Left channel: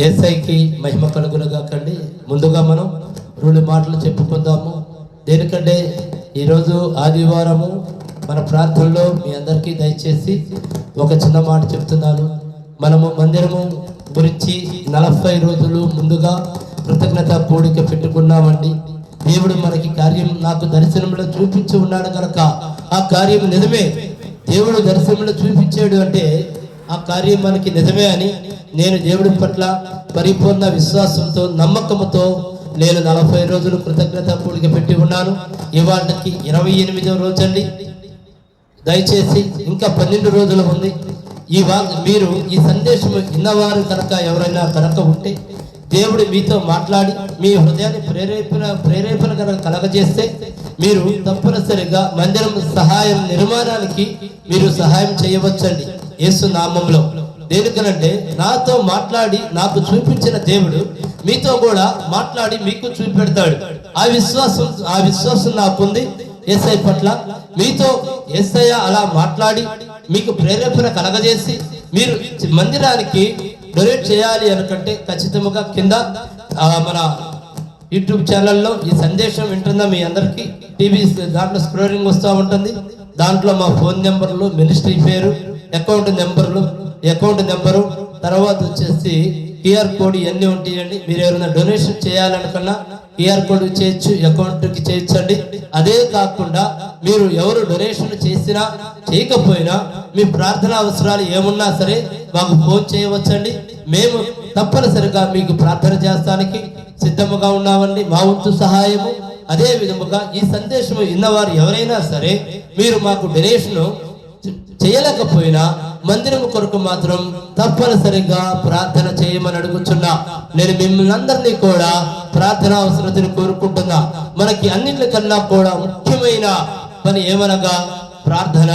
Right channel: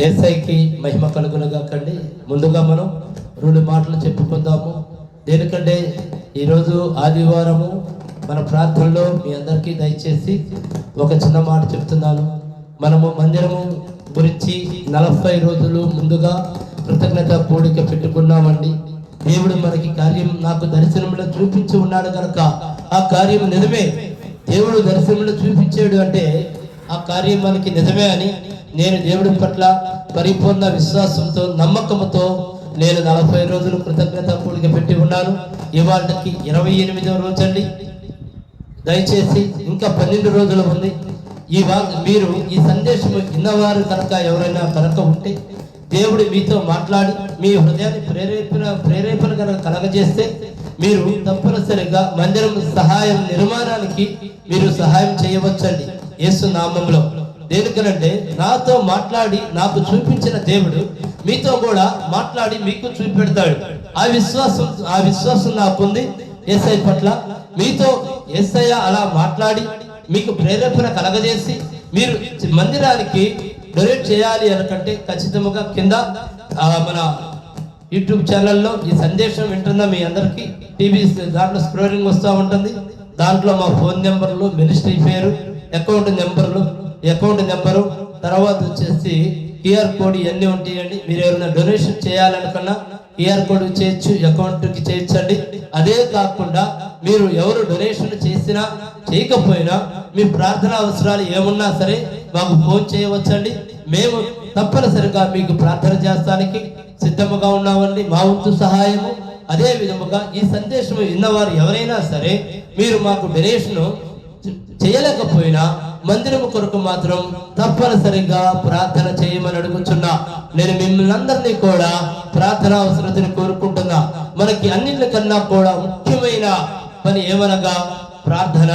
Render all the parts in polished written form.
యేసయ్యకి మహిమ కలుగునగాకండి. ముందుగా మనం 2 మాటలు చెప్పుకుందాము. దేనికంటే ఈరోజు ఆదివారము మన ప్రార్థనలో మీ అందరికీ దయచేసి ఒక చిన్న మాట చెప్తున్నాను. మనము మందిరము గురించి 40 రోజులు ముందుగా కృతజ్ఞత కూడిక పెట్టుకున్నామండి. దేవుడు మనకి కార్యం నాకు దర్శనంలో చూపించి ఉన్నాడు కనుక ఆ కార్యం నిజమే. దేవుడు దర్శనంలో చూపించాడు అంటే ఆ కార్యం మనకి నిజమే అని నేను దేవుడి పట్ల పరిపూర్ణ విశ్వాసంతో నమ్మకంతో నేను 40 రోజులు కృతజ్ఞత కూడిక పెట్టి ఉన్నాను. ఇవాళకి 28వ రోజు అండి. దయచేసి ఇంకా 12 రోజులు ఉంది. మీరు ఈ సందేశం విన్నవారు కనుక ఎవరైనా కనుక ఉంటే దేవుడు మీతో మాట్లాడి మీ హృదయాన్ని ప్రేరేపణ కనుక కలగజేస్తే మీరు తప్పనిసరిగా మందిరం సహాయం నిర్మాణానికి మీరు సహాయం చేయవచ్చండి యేసు నామంలో. దేనికనంటే నాతో మాట్లాడి నాకు చూపించిన దేవుడు మీతో కూడా మాట్లాడి మీకు చూపెడతాడు. ఆ విశ్వాసం నాకుంది యేసయ్య పట్ల. మీతో యేసయ్య అలా మాట్లాడి మీకు ప్రేరేపణ కలగజేసి మీరు మందిరానికి డొనేట్ చేయాలి అనుకంటే ఖచ్చితంగా కింద మన యూట్యూబ్ ఛానల్లో ఈ సందేశం వింటున్న మీ అందరికీ టీవీ దాంట్లో స్క్రోలింగ్ వస్తూ ఉంటుంది. దాంట్లో మా ఫోన్ నెంబర్లు, మినిస్ట్రీ పేరు, అకౌంట్ నెంబరు, తర్వాత వచ్చేసి QR కోడ్ ఇవన్నీ ఉంటాయండి. మీరు ఎవరైనా డొనేషన్ చేయాలనుకున్నా QR కోడ్ చేయొచ్చు, అకౌంట్కి చేయొచ్చండి. అదే కాకుండా మీరు ఎవరు డొనేషన్ చేసినా చేయకపోయినా మీ ప్రార్థన అవసరాలు ఏమున్నా సరే మాకు ఫోన్ చేయవచ్చండి. మేము తప్పనిసరిగా మీకు ప్రార్థన చేస్తానికి సిద్ధముగా ఉన్నామండి. మా వంతు సహాయము. అదే విధముగా ఈ సందేశం విన్నవారు ఎవరైనా సరే మీరు మాకు డొనేషన్ చేయలేకపోయినా మందిరం కొరకు మాత్రం తప్పనిసరిగా ప్రార్థన చేయమని అడుగుతున్నా. నేను మిమ్మల్ని అందరినీ కూడా ప్రార్థన అవసరతను కోరుకుంటున్నా. మనకి అన్నింటికన్నా కూడా ముఖ్యమైన పని ఏమనగా ప్రార్థన.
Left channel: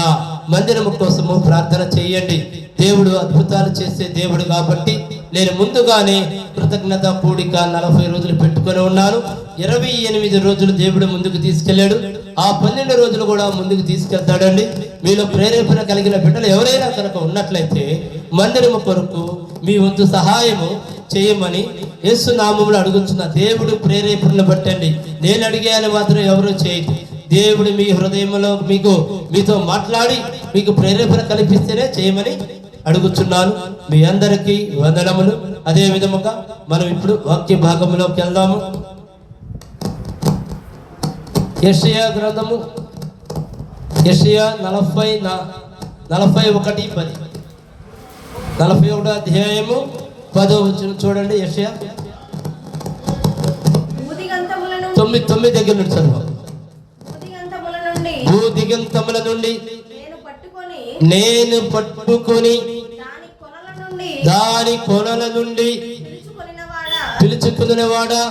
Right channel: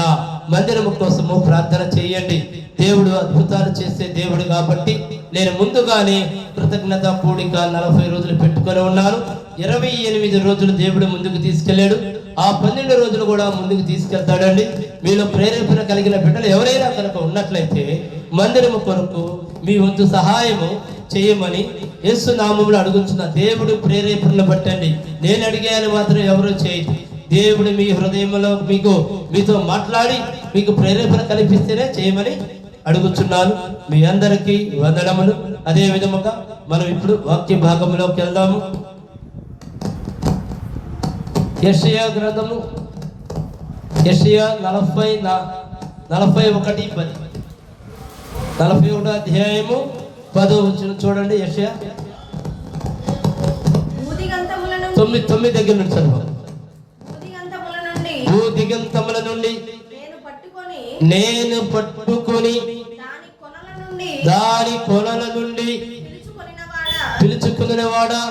మందిరం కోసము ప్రార్థన చేయండి. దేవుడు అద్భుతాలు చేసే దేవుడు కాబట్టి నేను ముందుగానే కృతజ్ఞత కూడిక 40 రోజులు పెట్టుకొని ఉన్నాను. 28 రోజులు దేవుడు ముందుకు తీసుకెళ్ళాడు. ఆ 12 రోజులు కూడా ముందుకు తీసుకెళ్తాడండి. మీలో ప్రేరేపణ కలిగిన బిడ్డలు ఎవరైనా కనుక ఉన్నట్లయితే మందిరము కొరకు మీ వంతు సహాయము చేయమని యేసు నామములో అడుగుతున్న. దేవుడు ప్రేరేపణను బట్టండి. నేను అడిగాను మాత్రం ఎవరో చేయదు. దేవుడు మీ హృదయంలో మీతో మాట్లాడి మీకు ప్రేరేపణ కల్పిస్తేనే చేయమని అడుగుతున్నాను. మీ అందరికీ వందనములు. అదే విధముగా మనం ఇప్పుడు వాక్య భాగంలోకి వెళ్దాము. యెషయా గ్రంథము, యెషయా 41:10, 41వ అధ్యాయము 10వ వచనం చూడండి. యెషయా 9 దగ్గర నుంచి చదువు. భూదిగంతముల నుండి నేను పట్టుకొని దాని కొనల నుండి పిలుచుకునేవాడా,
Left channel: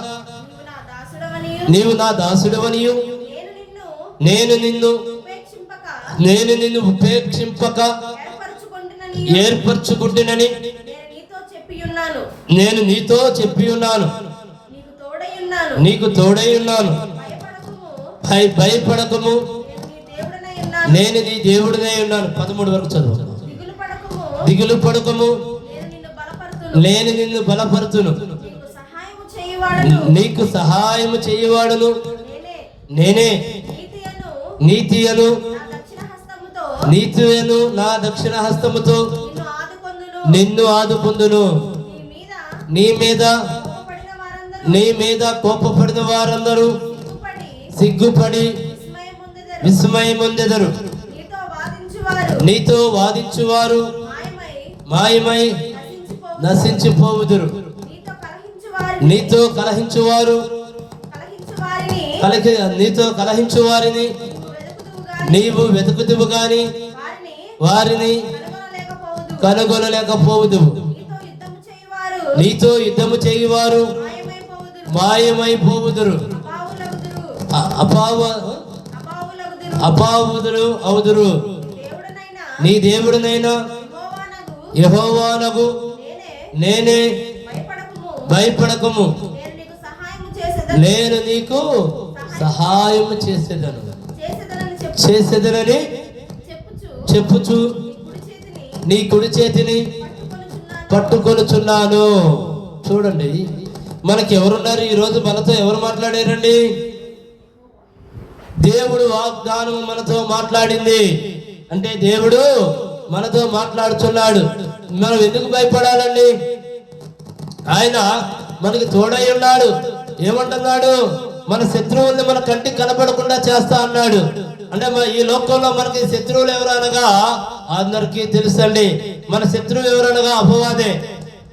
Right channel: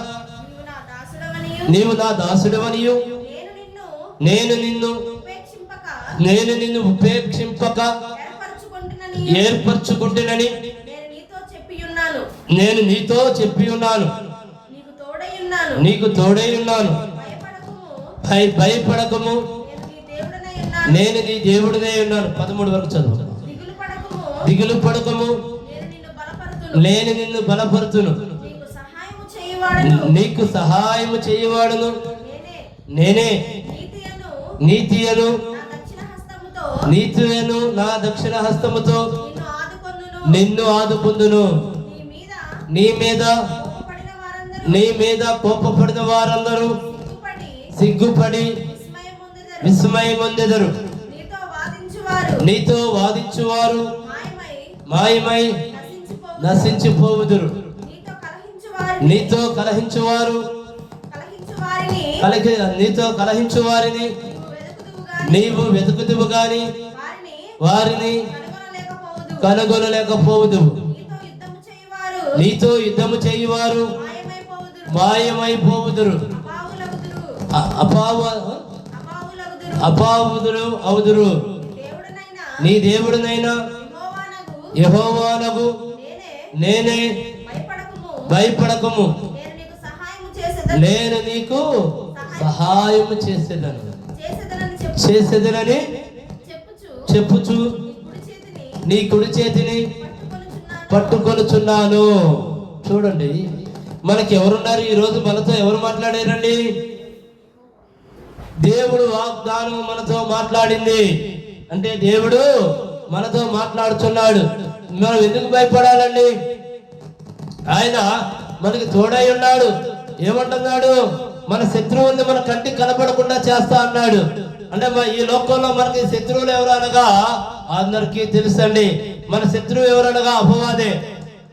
నీవు నా దాసుడవనియు నేను నిన్ను ఉపేక్షింపక ఏర్పరచుకుంటునని నేను నీతో చెప్పి ఉన్నాను. నీకు తోడై ఉన్నాను. భయపడకము, నేను నీ దేవుడినై ఉన్నాను. 13 వరకు చదువు. దిగులు పడకము, నేను నిన్ను బలపరుతును. నీకు సహాయము చేయవాడును నేనే. నీతియను నా దక్షిణ హస్తముతో నిన్ను ఆదుకొందును. నీ మీద కోపపడిన వారందరూ సిగ్గుపడి విస్మయమొందెదరు. నీతో వాదించువారు మాయమై నశించిపోవుదురు. నీతో కలహించు వారిని నీవు వెతుకుదువు గాని వారిని కనుగొనలేకపోవుదు. నీతో యుద్ధము చేయువారు మాయమైపోవుదురు, అపావుదురు అవుదురు. నీ దేవుడినైనా యెహోవానగు నేనే. భయపడకము, నేను నీకు సహాయము చేసేదనని చెప్పుచు నీ కుడి చేతిని పట్టుకొనుచున్నాను. చూడండి, మనకి ఎవరున్నారు ఈరోజు? మనతో ఎవరు మాట్లాడారండి? దేవుడు వాగ్దానం మనతో మాట్లాడింది. అంటే దేవుడు మనతో మాట్లాడుతున్నాడు. మనం ఎందుకు భయపడాలండి? ఆయన మనకి తోడై ఉన్నాడు. ఏమంటున్నాడు? మన శత్రువుల్ని మన కంటికి కనపడకుండా చేస్తా అన్నాడు. అంటే ఈ లోకంలో మనకి శత్రువులు ఎవరు అనగా అందరికీ తెలుసండి. మన శత్రువు ఎవరనగా అపవాదే.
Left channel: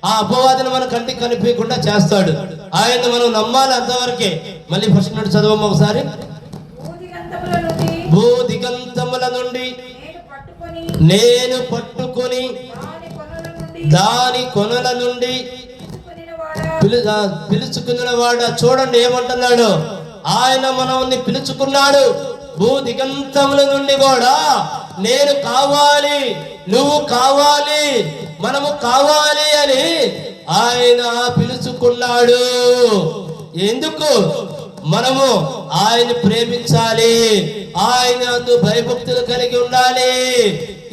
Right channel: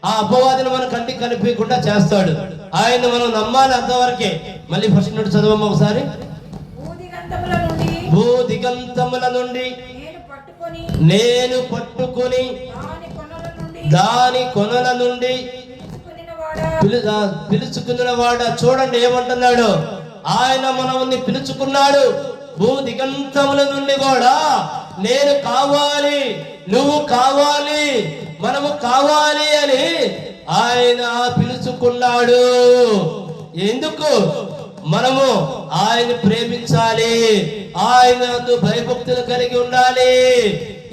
ఆ అపవాదిని మన కంటికి కనిపించకుండా చేస్తాడు. ఆయన మనం నమ్మాలి అంతవరకే. మళ్ళీ ఫస్ట్ నుండి చదవము ఒకసారి. భూదిగంతముల నుండి నేను పట్టుకొని దాని కొనల నుండి పిలుచుకున్న వాడ. చూడండి ఏమంటున్నాడు? ఆయన మనల్ని పిలుచుకున్నాడు. భూదిగంతముల నుండి కూడా నేను కావాలి, నువ్వు కావాలి, మనము కావాలి అని ఆయన పిలుచుకున్నాడు. ఎందుకు? మనము ఆయన ప్రేమించాలి, ఆయన భయభక్తులు కలిగి ఉండాలి.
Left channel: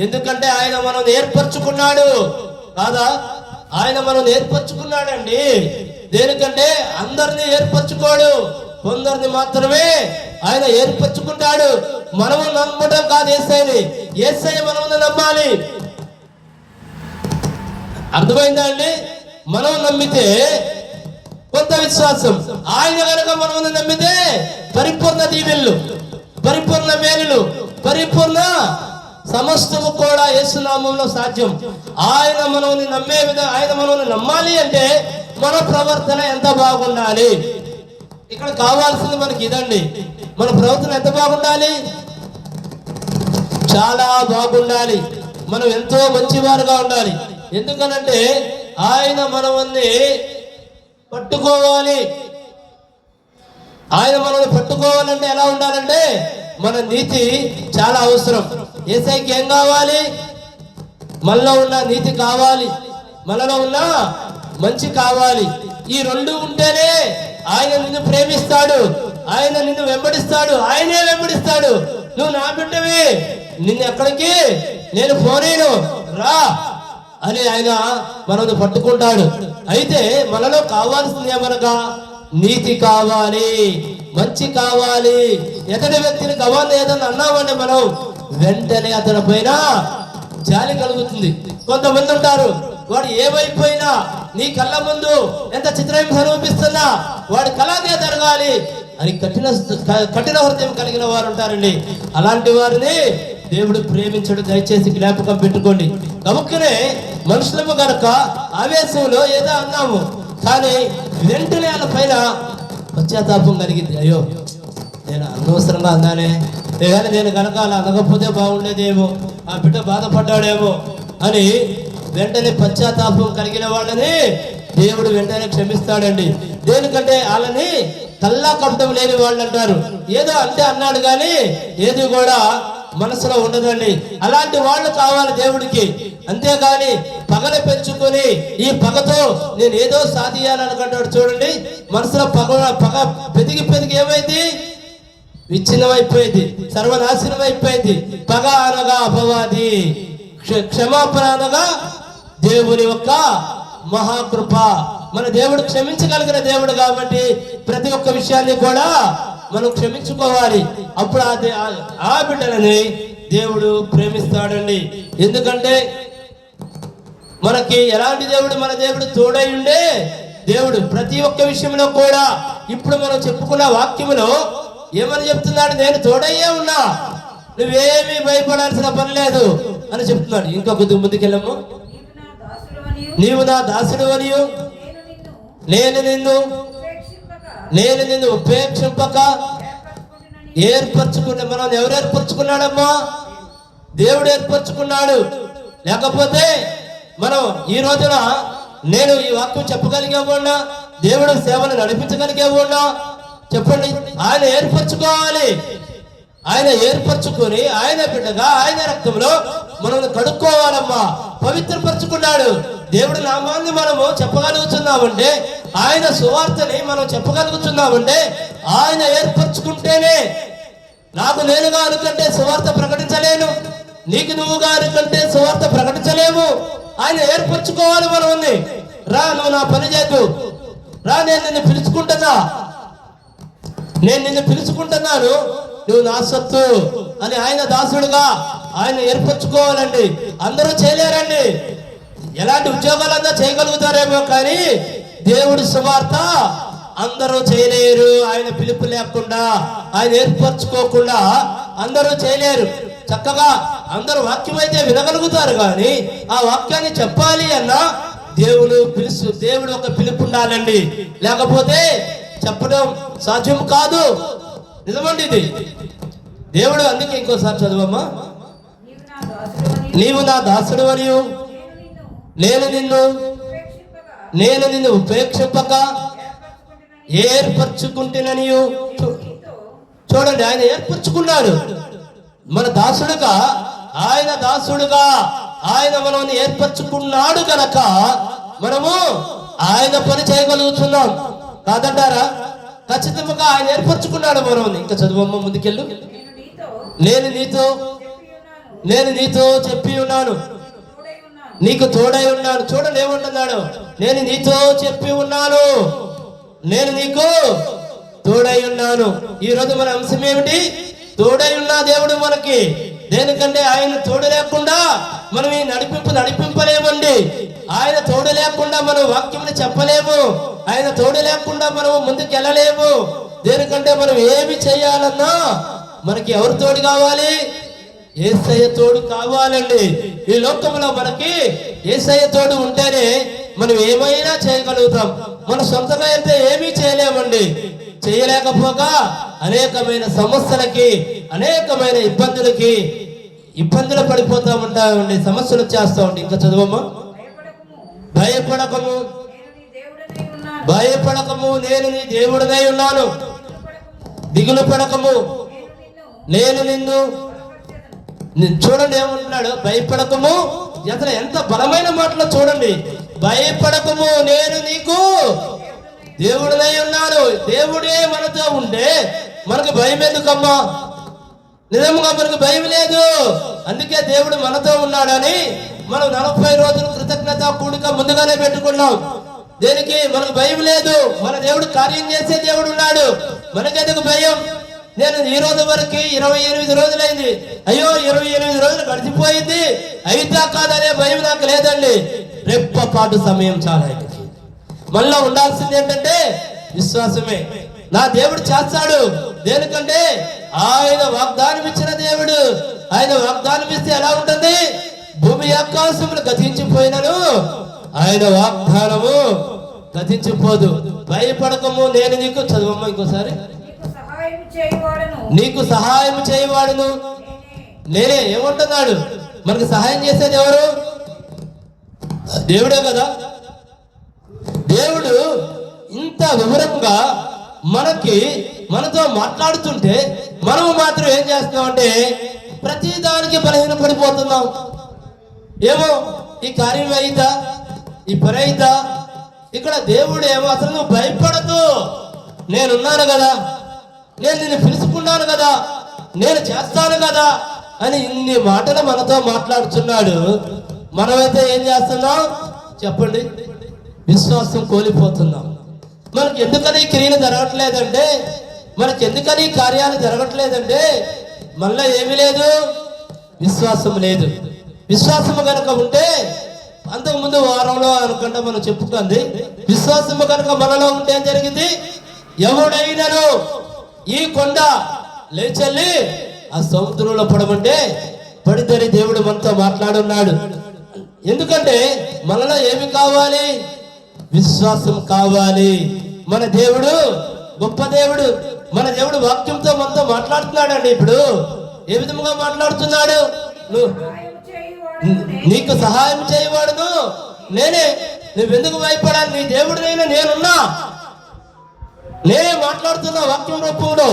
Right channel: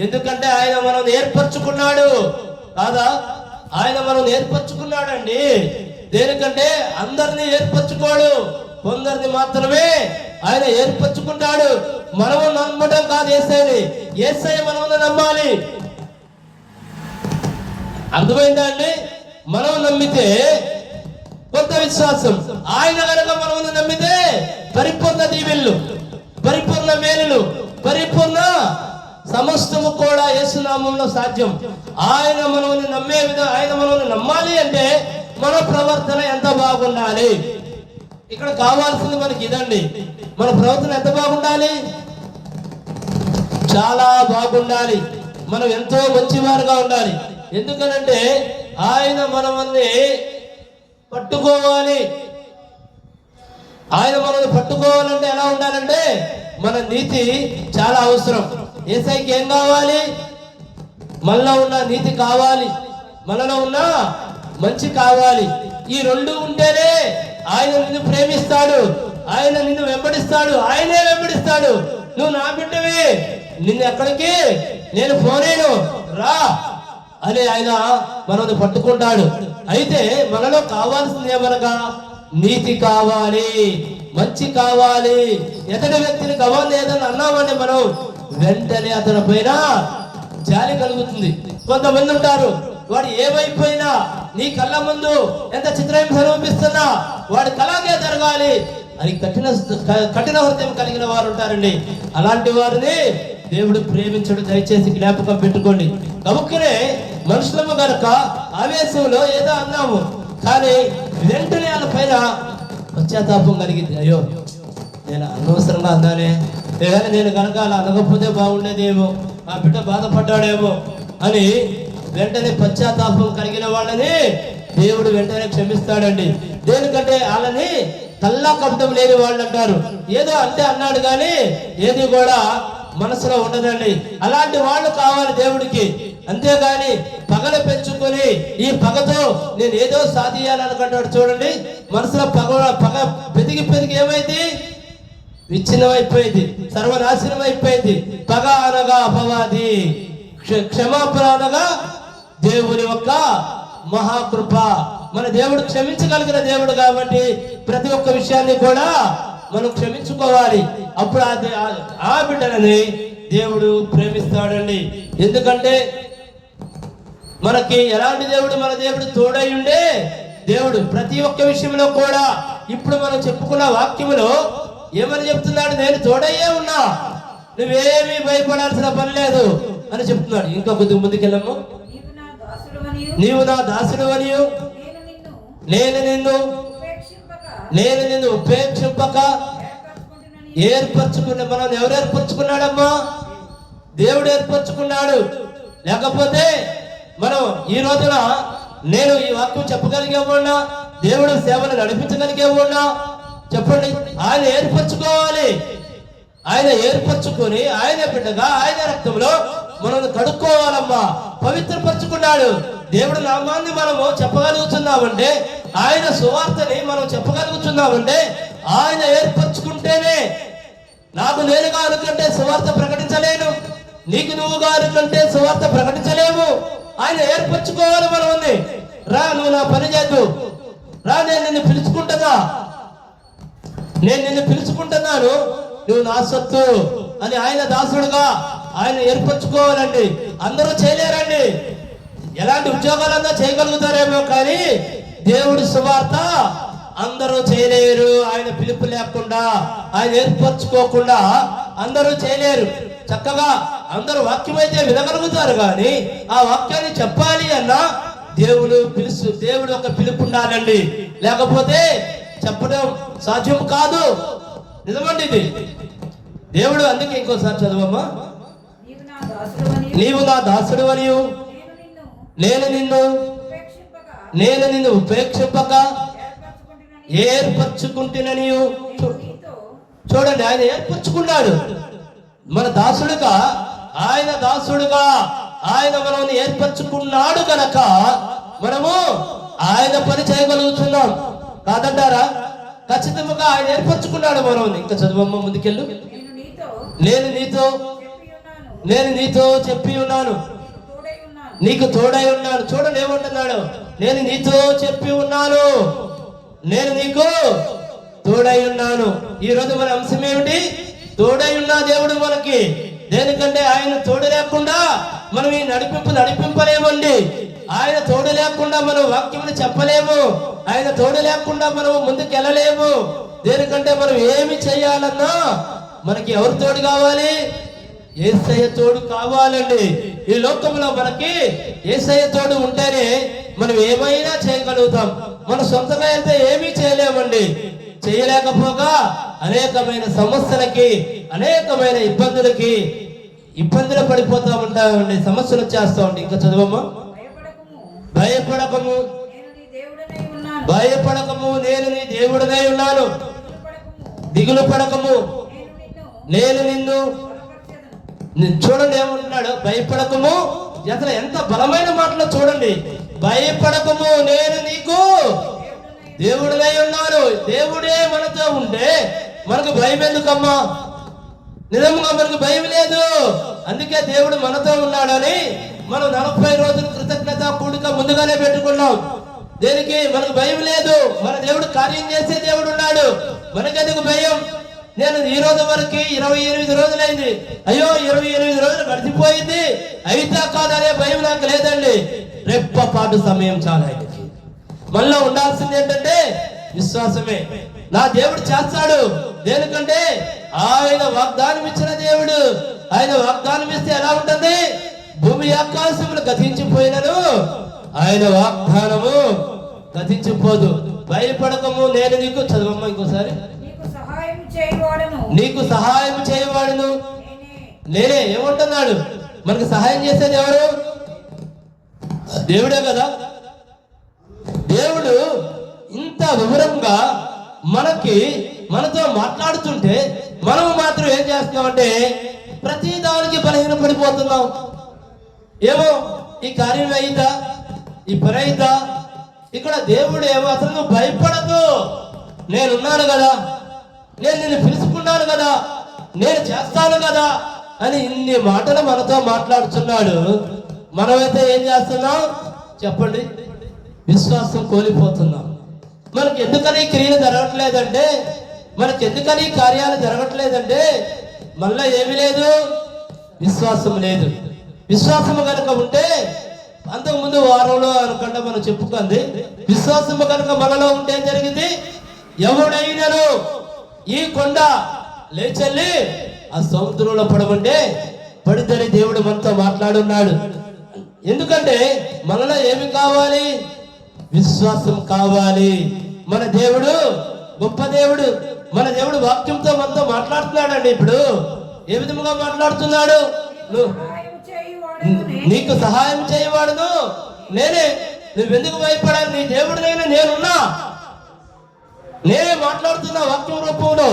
ఎందుకంటే ఆయన మనం ఏర్పరచుకున్నాడు కాదా? ఆయన మనం ఏర్పరచుకున్నాడండి. దేనికంటే అందరినీ ఏర్పరచుకోడు, కొందరిని మాత్రమే ఆయన ఏర్పరచుకుంటాడు. మనము నమ్మడం కాదు యేసయ్యని, యేసయ్య మనము నమ్మాలి. అర్థమైందా అండి? మనం నమ్మితే కొత్త విశ్వాసం, ఆయన కనుక మనం నమ్మితే పరిపూర్ణ దీవెనలు, పరిపూర్ణ మేలులు, పరిపూర్ణ సమస్తము కూడా యేసునామంలో సాధ్యం. ఆయన మనల్ని నమ్మే విధంగా, ఆయన మనల్ని నమ్మాలి అంటే మన ప్రవర్తన ఎంత బాగుండాలి. ఇక్కడ కావాల్సింది మనకి ఇదండి. మన ప్రవర్తన ఎంత బాగుండాలి? చాలా బాగుండాలి. మనం ఎంతో మంచివారుగా ఉండాలి. ఎందుకనంటే ఆయన మనల్ని పట్టుకోవాలి. ఆయన మనల్ని పట్టుకోవాలంటే ఎలా ఉండాలంటే మన నీతి చాలా అవసరం. యేసయ్యకి ఏం కావాలి? మనలో ఉన్న నీతి కావాలి, మనలో ఉన్న మంచి కావాలి. ఈ రెండు ఉంటేనే ఆయన నిన్ను ప్రేమిస్తాడు, ఆయన నిన్ను వెంబడిస్తాడు, ఆయనే వెంబడిస్తాడు. నువ్వు నా బిడ్డవి, నిన్ను ఎక్కడికి నేను పోనేను, రా అని ఆయన మనల్ని పట్టుకుంటాడు. అయితే మనలో కావాల్సింది ఏమనగా నీతి కావాలి, మంచి కావాలి. ఎతడి వ్యక్తిని కావాలి ఏదని అన్నామంటే మనం వెంటనే అతని పైన జాలి కలుగుతుంది. కొంతమంది ఉంటారు, వాడు ఏమైపోయినా నీ కళ్ళ ముందు ఎంత చిత్రహింస అనిపిస్తున్నా వాడి కళాగే జరగాలి అని కఠిన హృదయం కలిగిన వారు ఉంటారండి. అలాంటి వారిని దేవుడు ప్రేమించడు. దయచేసి జ్ఞాపకం పెట్టుకోండి. కనుకనే మనుషులము గనక ఆవేశంలో ఏదో అన్నాము, కానీ వెంటనే వాళ్ళ పైన పశ్చాత్తాపం కలిగింది. అయ్యో నేను అనవసరంగా అన్నానే, లేదా నేను కనుక అలా అనకపోతే బాగుండేదేమో, ఆ బిడ్డ బాధపడ్డాడేమో అని వెంటనే పశ్చాత్తాపం కలిగిన వాళ్ళని దేవుడు వెంటనే క్షమిస్తాడండి. దేనికంటే వాళ్ళని కల్లా కపటం లేని వాళ్ళు అంటారు. ఏదో అంటే అన్నాడు కానీ ఏది కూడా మనసులో ఉండదండి. అలాంటి వాళ్ళు కావాలి దేవుడికి. అంతేగాని పగలు పెంచుకొని ఈ పగతో నేను ఏదో సాధించాలనుకుంటాడు. చూడండి, మనసులో పగ పెరిగి ఏమైంది? విచ్ఛిన్నం అయిపోయింది, సర్వనాశనం అయిపోయింది. పగ అనగా అపవాది, క్షమాపణ అనగా దేవుని యొక్క మహాకృప. మన దేవుడు క్షమించగలిగిన దేవుడు కాబట్టి ప్రతి ఒక్క విషయాన్ని కూడా మనం క్షమించుకోవాలి. అప్పుడు ఆ బిడ్డలని దేవుడు ప్రేమిస్తాడండి. ఎందుకంటే మనకి ఎలాంటి దేవుడు? మన దేవుడు తోడై ఉండే దేవుడు. ప్రతి ఒక్క విషయంలో కూడా ఇప్పుడు మనం చెప్పుకున్న వాక్యములో ఏమని చెప్తున్నాడు? నేను తోడయ్యే ఉన్నా, నువ్వేమీ భయపడాల్సిన పని లేదు అని చెప్తున్నాడు. ఇంకా కొద్దిగా ముందుకెళ్ళము. నీవు నా దాసుడు అనియు నేను నిన్ను ఉపేక్షింపక ఏర్పరచుకున్నా. మనం ఎవరు ఏర్పరచుకున్నాడమ్మా? దేవుడు ఏర్పరచుకున్నాడు. లేకపోతే మనం ఈ రోజున నేను ఈ వాక్యం చెప్పగలిగేవాడినా, దేవుడు సేవలు నడిపించగలిగేవాడినా? చెప్పండి. ఆయన ఏర్పరచుకోవాలి. ఆయన ఏర్పరచుకొని ఆయన బిడ్డగా ఆయన రక్తంలో మనల్ని కడుక్కోవాలమ్మా. పవిత్రపరచుకున్నాడు. దేవుడి నామాన్ని మనము చెప్పగలుగుతున్నామంటే, ఆయన సువార్తని మనం చెప్పగలుగుతున్నామంటే ఆయన ఏర్పరచుకుంటేనే. నాకు నేనుగా అనుకంటే సువార్త ప్రకటించలేను, నీకు నువ్వుగా అనుకంటే సువార్త ప్రకటించలేము. ఆయన ఏర్పరచుకోవాలి మనల్ని. రా నువ్వు నా పని చేయకు, రా నేను నిన్ను పిలుచుకుంటున్నాను, నువ్వు నా సొత్తు అని ఆయన దాసుడుగా ఆయన ఏర్పరచుకోవాలండి. అందరూ చేయలేరండి. ఎలాంటి ఉద్యోగాలన్నా చేయగలుగుతారేమో కానీ దేవుడి సువార్త అందరూ చేయలేరు. ఆయన పిలుపు లేకుండా, ఆయన ఏర్పరచుకోకుండా అందరూ చేయలేరు. చక్కగా అందరూ వాక్యం అయితే వినగలుగుతారు కానీ ఆ వాక్యాన్ని చెప్పాలి అన్నా దేవుడు ఒక పిలుపు ఉండాలండి. లేకపోతే చెప్పడం సాధ్యం కాదు. నిజమండి ఇది. దేవుడు అందుకే ఇంకోసారి చదవమ్మా, నీవు నా దాసుడు అని నేను నిన్ను ఉపేక్షింపగా ఏర్పరచుకుంటునని. చూడండి, ఆయన ఏర్పరచుకున్నాడు మన దాసుడుగా. ఆయన మనల్ని ఏర్పరచుకున్నాడు గనక మనము ఆయన పని చేయగలుగుతున్నాం. కాదంటారా? ఖచ్చితంగా ఆయన ఏర్పరచుకున్నాడు మనల్ని. ఇంకా చదువమ్మ ముందుకెళ్ళు. నేను నీతో చెప్పి ఉన్నాను, నీకు తోడై ఉన్నాను. చూడండి ఏమంటున్నాడు, నేను నీతో చెప్పి ఉన్నాను, నేను నీకు తోడై ఉన్నాను. ఈ రోజు మన అంశం ఏమిటి? తోడై ఉన్నా దేవుడు మనకి. దేనికంటే ఆయన తోడు లేకుండా మనం ఈ నడిపింపలేమండి. ఆయన తోడు లేకుండా మనం వాక్యం చెప్పలేము. ఆయన తోడు లేకుండా మనం ముందుకు వెళ్ళలేము. దేనికంటే మనం ఏమి చేయాలన్నా మనకి ఎవరు తోడు కావాలి? యేసయ్య తోడు కావాలండి. ఈ లోకంలో మనకి యేసయ్య తోడు ఉంటేనే మనం ఏమైనా చేయగలుగుతాం. మన సొంతంగా అయితే ఏమీ చేయలేమండి. చేయలేకపోగా అనేకమైన సమస్యలకి, అనేకమైన ఇబ్బందులు పడిపోతా ఉంటామండి. సమస్యలు వచ్చేస్తా ఉండి. ఇంకా చదవమ్మా. భయపడకము నేను నీ దేవుడినై ఉన్నాను, దిగులు పడకము నేను నిన్ను. చూడండి ఏమంటున్నాడు, భయపడకము. అసలు ఎంత బలమైన మాటలో చూడండి. భయపడకము నేను నీకు దేవుడినై ఉన్నాను. దేవుడే మనతో ఉంటే మనకు భయం ఎందుకమ్మా? నిజంగా మనకు భయం లేదు. అందుకే దేవుడు మనతో ఉన్నాడని మనం 40 రోజులు కృతజ్ఞత కూడిక ముందుగానే పెట్టుకున్నాం. దేనికి? మనకు భయం లేదు. మన దేవుడు కార్యం చేసే దేవుడు ఉన్నాడు. మనకెందుకు భయం? నేను ఈ రోజు వరకు 28 రోజులైంది. అయ్యో 28 రోజులు గడిచిపోయింది, అయితా కాదనే భయం నాకు లేదండి. రెప్పపాటు సమయం చాలా ఆయనకి. మళ్ళా ఉండాల్సింది ఏంటంటే విశ్వాసమే. నా దేవుడు చేస్తాడు. దేనికంటే ఆయన వాగ్దానం ఇచ్చిన దేవుడు. ఆయన వాగ్దానం ఇస్తే ఎలా ఉంటుంది? భూమి ఆకాశములు గతించిపోయినను ఆయన వాగ్దానము గతించిపోదు. భయపడకము నేను నీకు. చదవమ్మ ఇంకోసారి. నీకు సహాయం చేయవాడును నేనే. ఏమంటున్నాడు? మనకు సహాయం చేసేది ఎవరు? దేవుడే కదా. దేవుడు ఇంత వివరంగా మనతో మాట్లాడుతుంటే మనము మాత్రం ఏం చేస్తున్నామంటే ప్రతి దానికి బలహీన పడిపోతున్నాం. ఏమో ఈ కార్యం అయిందా, ఈ పని అయిందా? ఇక్కడ దేవుడు ఏమో అసలు నువ్వు భయపడదు, నేనున్నాను కదా, నేను నిన్ను పిలుచుకున్నాను కదా, నేను చేస్తాను కదా అని ఇన్ని మాటలు మనతో మాట్లాడుతున్నాడు. మనమైతే ఏం చేస్తున్నాం చెప్పండి? విశ్వాసం కోల్పోతున్నాం. మనకి ఎందుకని క్రియలు జరగట్లేదంటే, మనకి ఎందుకని కార్యాలు జరగట్లేదంటే మళ్ళీ ఏమీ లేదు, విశ్వాసం లేదు. విశ్వాసము కనుక ఉంటే అంతకుముందు వారంలో అనుకుంటా మనం చెప్పుకుంది, విశ్వాసము కనుక మనలో ఉంటే జరిగింది, ఎవడైనాను ఈ కొండ లేచెల్లి ఆ సముద్రంలో పడమంటే పడితేనే దేవుడు మనతో మాట్లాడున్నాడు. ఎందుకంటే మనలో ఏమి కావాలి? విశ్వాసం కావాలి. మన దేవుడు గొప్ప దేవుడు. మన దేవుడు వాక్యంతో మనతో మాట్లాడుతున్నాడండి. ఇప్పుడు ఏ విధంగా మాట్లాడుతున్నాడు? నీకు సహాయం చేయవాడును నేనే. నువ్వెందుకు భయపడాలి? నీ దేవుడినైనా నేనున్నా. నేనే మాట్లాడుతున్నా వాక్యం రూపంలో.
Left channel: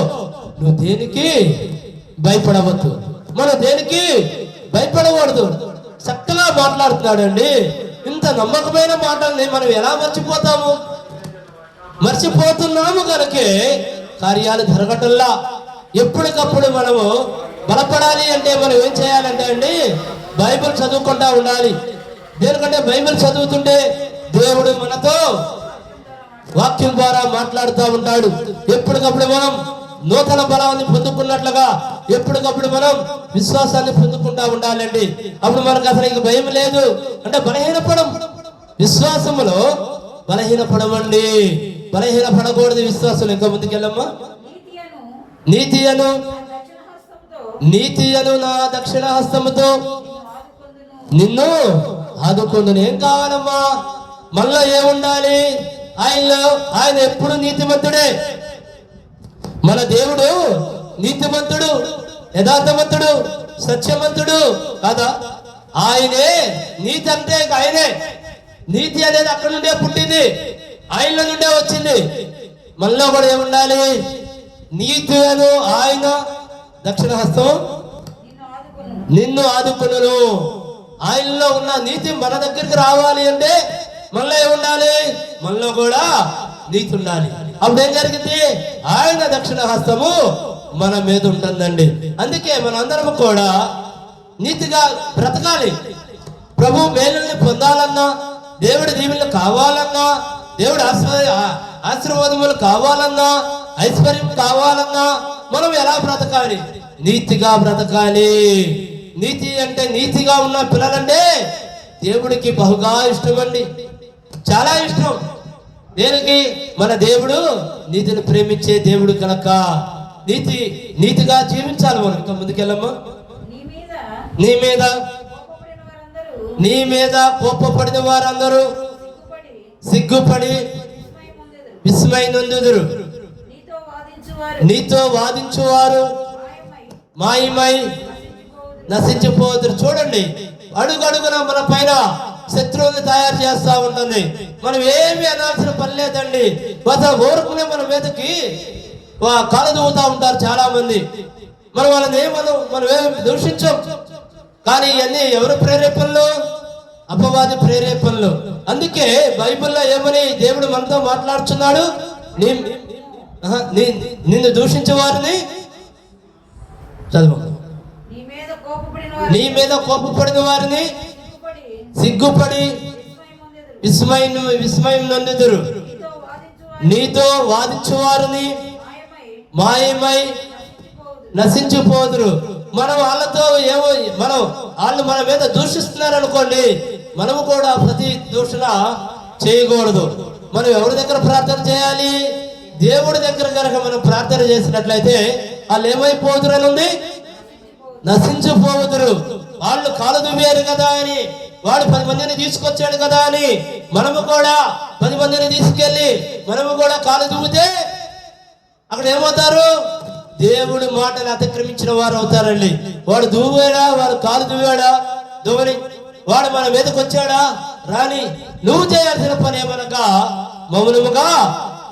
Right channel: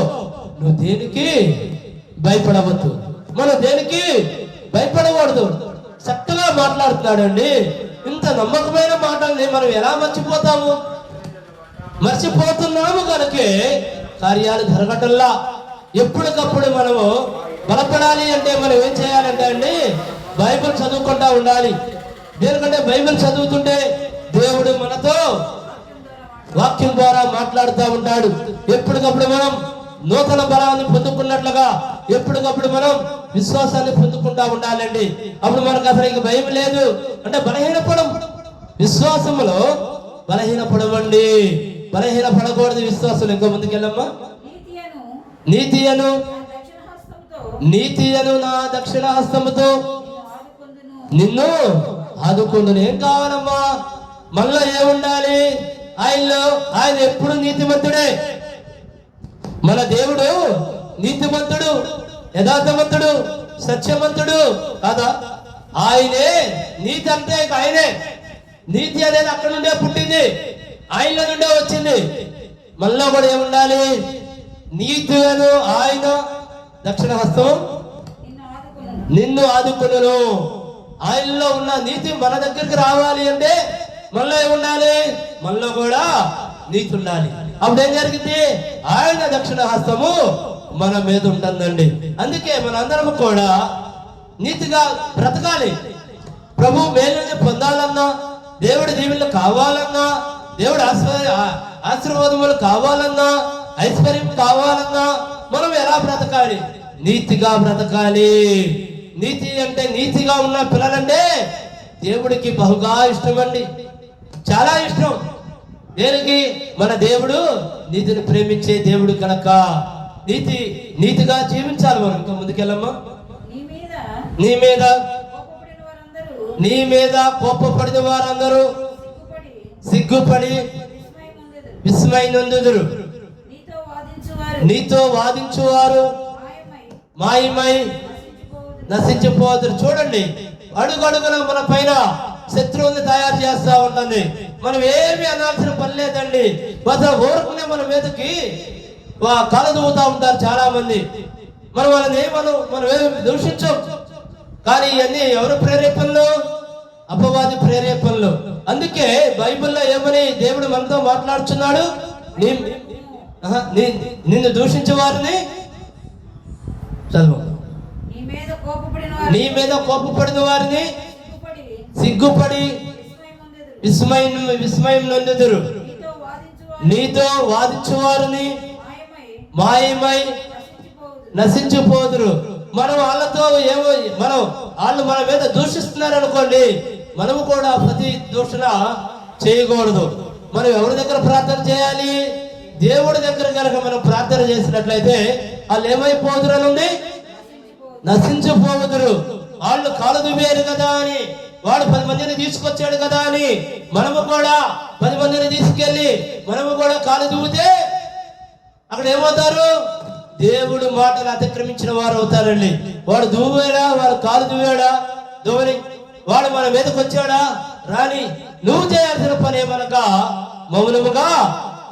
నువ్వు దేనికి భయపడవద్దు, మనం దేనికి భయపడకూడదు. చక్కగా మాట్లాడుతున్నాడండి. ఇంత నమ్మకమైన మాటల్ని మనం ఎలా మర్చిపోతున్నాము కనుకే కార్యాలు జరగటంలా. ఎప్పటికప్పుడు మనము బలపడాలి అంటే మనం ఏం చేయాలంటే అండి, బైబిల్ చదువుకుంటా ఉండాలి. దేనికంటే బైబిల్ చదువుతుంటే దేవుడు మనతో వాక్యం ద్వారా మాట్లాడుతూ ఉంటాడు. ఎప్పటికప్పుడు మనం నూతన బలాన్ని పొందుకున్నట్లుగా ఎప్పటికప్పుడు మనం విశ్వాసాన్ని పొందుకుంటా ఉండాలండి. అప్పుడు మనకు అసలు ఇక భయం లేదు. అంటే బలహీనపడం, విశ్వాసములో బలహీనపడమండి. బలహీనపడకూడదు విశ్వాసం. ఇంకా ముందుకెళ్ళమ్మా. నీతి అను నా దక్షిణ హస్తముతో నిన్ను ఆదుకుందును. ఏం కావాలమ్మా? మనలో ఏముండాలి? ఆయన ఎప్పుడు నీతిమంతుడే. మన దేవుడు నీతిమంతుడు, యథార్థవంతుడు, సత్యవంతుడు కాదా? ఆయనే నీతి. అంటే ఆయనే నీతి అనేది అక్కడ నుండే పుట్టింది, ఆయనలో నుండే వచ్చింది. మనలో కూడా ఏముండాలి? నీతి అను ఆయన దక్షిణ హస్తం నిన్ను ఆదుకును. ఆయనలో ఉన్న నీతి మన దగ్గరికి రావాలి అంటే మనలో ఏముండాలి? మనలో కూడా నీతి ఉండాలి. అప్పుడు ఏం జరిగింది? ఆయన దక్షిణ హస్తము మన మీద ఉంటుందండి. అందుకే మనందరం కూడా నీతిగా బ్రతకాలి. ప్రభు మేలుని పొందాలన్నా, దేవుడి దీవెనలు కావాలన్నా, దేవుడి ఆశీర్వాదములు కావాలన్నా, ఐశ్వర్యం కావాలన్నా మనం ఎలా బ్రతకాలి? నీతిగా బ్రతకాలి. నీతి అంటే నీతిగా ఉన్న పిల్లలంటే దేవుడికి బహుగా ఇష్టం అండి, చాలా ఇష్టం. దేనికి? మన దేవుడు నీతిని ప్రేమించే దేవుడు కనుక నీతిగా జీవించాలి మనం. ఇంకా ముందుకెళ్ళమ్మా. నీ మీద కోపపడిన వారందరూ సిగ్గుపడి విస్మయ నొందుదురు. నీతో వాదించువారు మాయమై నశించిపోదురు. చూడండి, అడుగడుగున మన పైన శత్రువుని తయారు చేస్తా ఉంటుంది. మనం ఏమి అనాల్సిన పని లేదండి. ఊరుకునే మన మీదకి కలదూతా ఉంటారు చాలా మంది. మనం ఏమి దూషించం. కానీ ఇవన్నీ ఎవరు ప్రేరేపణలు? అపవాది ప్రేరేపణలు. అందుకే బైబిల్లో ఏమని దేవుడు మనతో మాట్లాడుతున్నాడు? నిన్ను దూషించే వారిని చదువు. నీ మీద కోపపడిన వారిని సిగ్గుపడి విస్మయం నొందుదురు. నీతో వాదించు వారిని మాయమై నశించిపోదురు. మనం వాళ్ళతో వాళ్ళు మన మీద దూషిస్తున్నారు అనుకోండి, మనము కూడా ప్రతి దూషణ చేయకూడదు. మనం ఎవరి దగ్గర ప్రార్థన చేయాలి? దేవుడి దగ్గర కనుక మనం ప్రార్థన చేసినట్లయితే వాళ్ళు ఏమైపోదురు అని ఉంది? నశించిపోదురు. వాళ్ళు కాలు దువ్వారు కదా అని, వాడు 10 మందిని తీసుకొచ్చాడు కదా అని మనము కూడా 10 మందిని తీసుకెళ్ళి మనము కూడా కాలు దువ్వితే అక్కడ ఏమవుతారు? దేవుడు మాటలు అతిక్రమించిన వారు అవుతారండి. వాడు దువ్వాడా? వాడు కాలు దువ్వాడా? దువ్వని వాడు మన మీదకి వచ్చాడా? రాని. నువ్వు చేయాల్సిన పని ఏమనగా మౌనముగా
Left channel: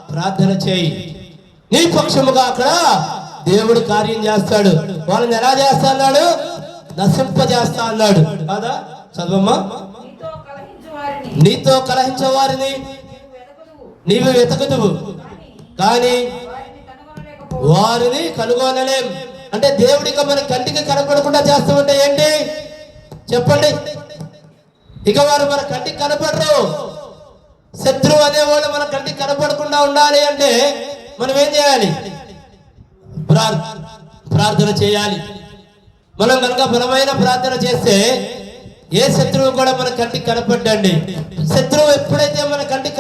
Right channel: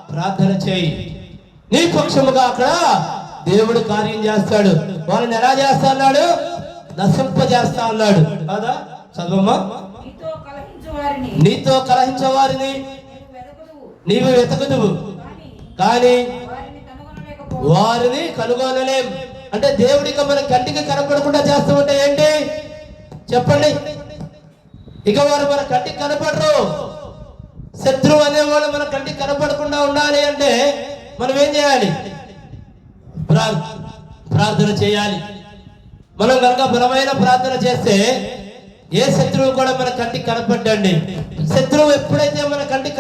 ప్రార్థన చేయి. నీ పక్షముగా అక్కడ దేవుడు కార్యం చేస్తాడు. వాళ్ళని ఎలా చేస్తా అన్నాడు? నశింపజేస్తా అన్నాడు కాదా? చదవమ్మా. నీతో కలహించే వారిని నీవు వెతకదువు, కానీ వారిని కనుగొనలేం. అంటే దేవుడికి మన కంటికి కనపడకుండా చేస్తామంటే ఏంటి చెప్పండి? ఇక వారు మన కంటికి కనపడరు. శత్రువు అనేవాళ్ళు మన కంటికి కనపడకుండా ఉండాలి అంటే మనం ఏం చేయాలి? ప్రార్థన చేయాలి. మనం కనుక బలమైన ప్రార్థన చేస్తే ఏ శత్రువు కూడా మన కంటికి కనపడ్డండి. శత్రువు ఎప్పుడైతే మన కంటికి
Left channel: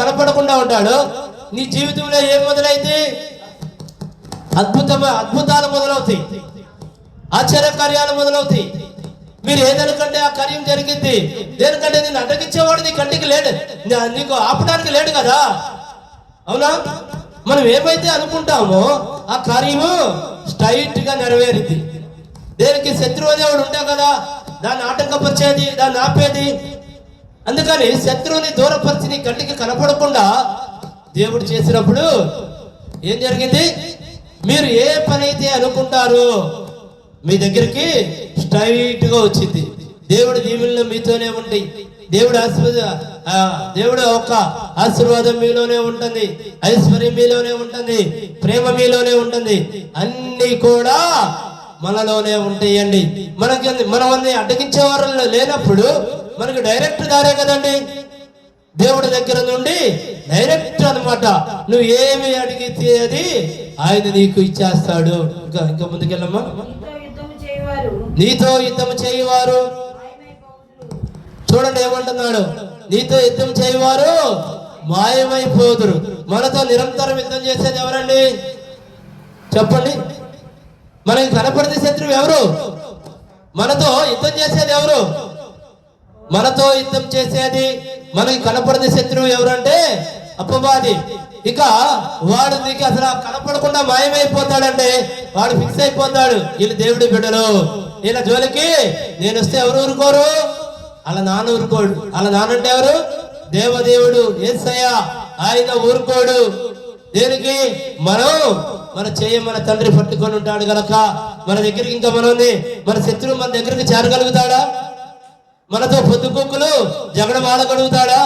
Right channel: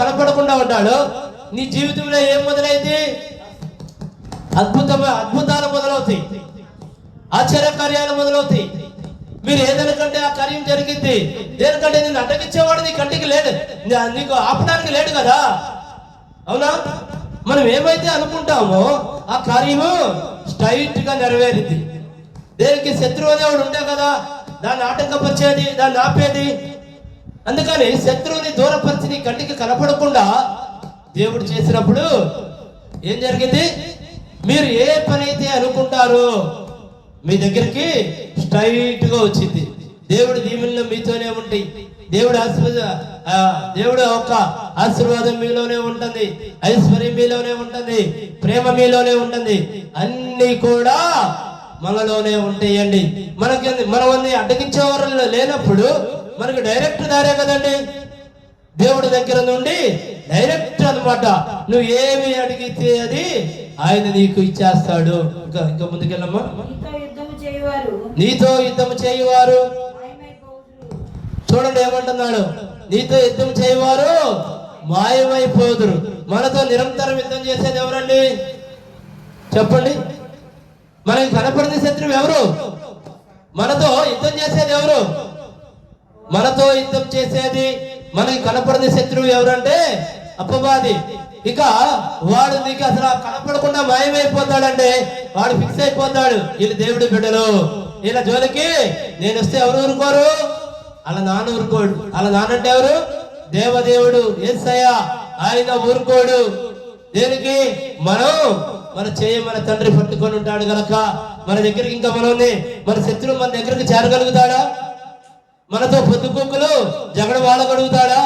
కనపడకుండా ఉంటాడో నీ జీవితంలో ఏం మొదలైంది? అద్భుతాలు మొదలవుతాయి, ఆశ్చర్యకార్యాలు మొదలవుతాయి. మీరు ఏదనుకంటే ఆ కార్యం జరిగింది. దేనికంటే నేను అడ్డగించేవాడు నీ కంటికి లేడు, నీకు ఆపడానికి లేడు కదా. అవునా? మనం ఏమైతే అనుకుంటామో ఆ కార్యము స్ట్రైట్ గా నెరవేరింది. దేనికి? శత్రువు అనేవాడు ఉంటే కదా దాన్ని ఆటంకపరిచేది, దాన్ని ఆపేది. అందుకని శత్రువుని దూరపరిచి నీ కంటికి కనపడకుండా దేవుడు చేసినప్పుడు ఏం జరిగింది? మీరు ఏ పని అయితే అనుకుంటారో మీ దగ్గరికి స్ట్రైట్ గా వచ్చింది. దేవుడి దీవెనలు మీతోనే ఉంటాయి. దేవుడు ఒక ఆశీర్వాదం మీలోనే ఉంటుంది, ఐశ్వర్యం మీలోనే ఉంటుంది, ప్రేమ మీలోనే ఉంటుంది. అన్ని కూడా మనలోనే ఉంటాయండి. మనమన్నీ అడ్డగించే వారు లేనప్పుడు మనకి డైరెక్ట్ దారే కదండి. దేవుడి దగ్గర నుండి డైరెక్ట్ అన్నమాట. నువ్వు ఏమి అడిగితే అది ఆయన నీకు ఇచ్చేస్తాడు. ఇంకా ముందుకెళ్ళమ్మా. నీతో యుద్ధం చేయవారు చూడండి ఏమంటున్నాడు, నీతో యుద్ధం చేయవారు మాయమైపోదురు. మనతో నిరంతరం యుద్ధం చేసేది ఎవరండి చెప్పండి? మనకి కనపడిన శత్రువు ఎవరు? మనతో యుద్ధం చేసేది ఎవరు? మనతో యుద్ధం చేసేది మనకి కనపడిన శత్రువు ఎవరంటే అపవాది. ఇక వాడు నీకు అసలు కనపడకుండా మాయమైపోతాడంటే వాడు ఫిక్స్ అయిపోతాడు, వీళ్ళు దేవుడి బిడ్డలు, వీళ్ళ జోలికి నేను వస్తే ఎవరు ఊరుకోరు? అలా నాన్న ఊరుకోడు. అలా నానంటే ఎవరు? దేవదేవుడు యేసయ్య, ఆయన ఊరుకోడు. దేనికి? మన మన తండ్రి పట్టుకొని ఉంటాడు గనక మన దగ్గరికి ఇంకా మన శత్రువు మన దగ్గరికి చేరగలుగుతాడా? మనతో పొద్దుకొక్కులు జగడమాడగలుగుతాడా?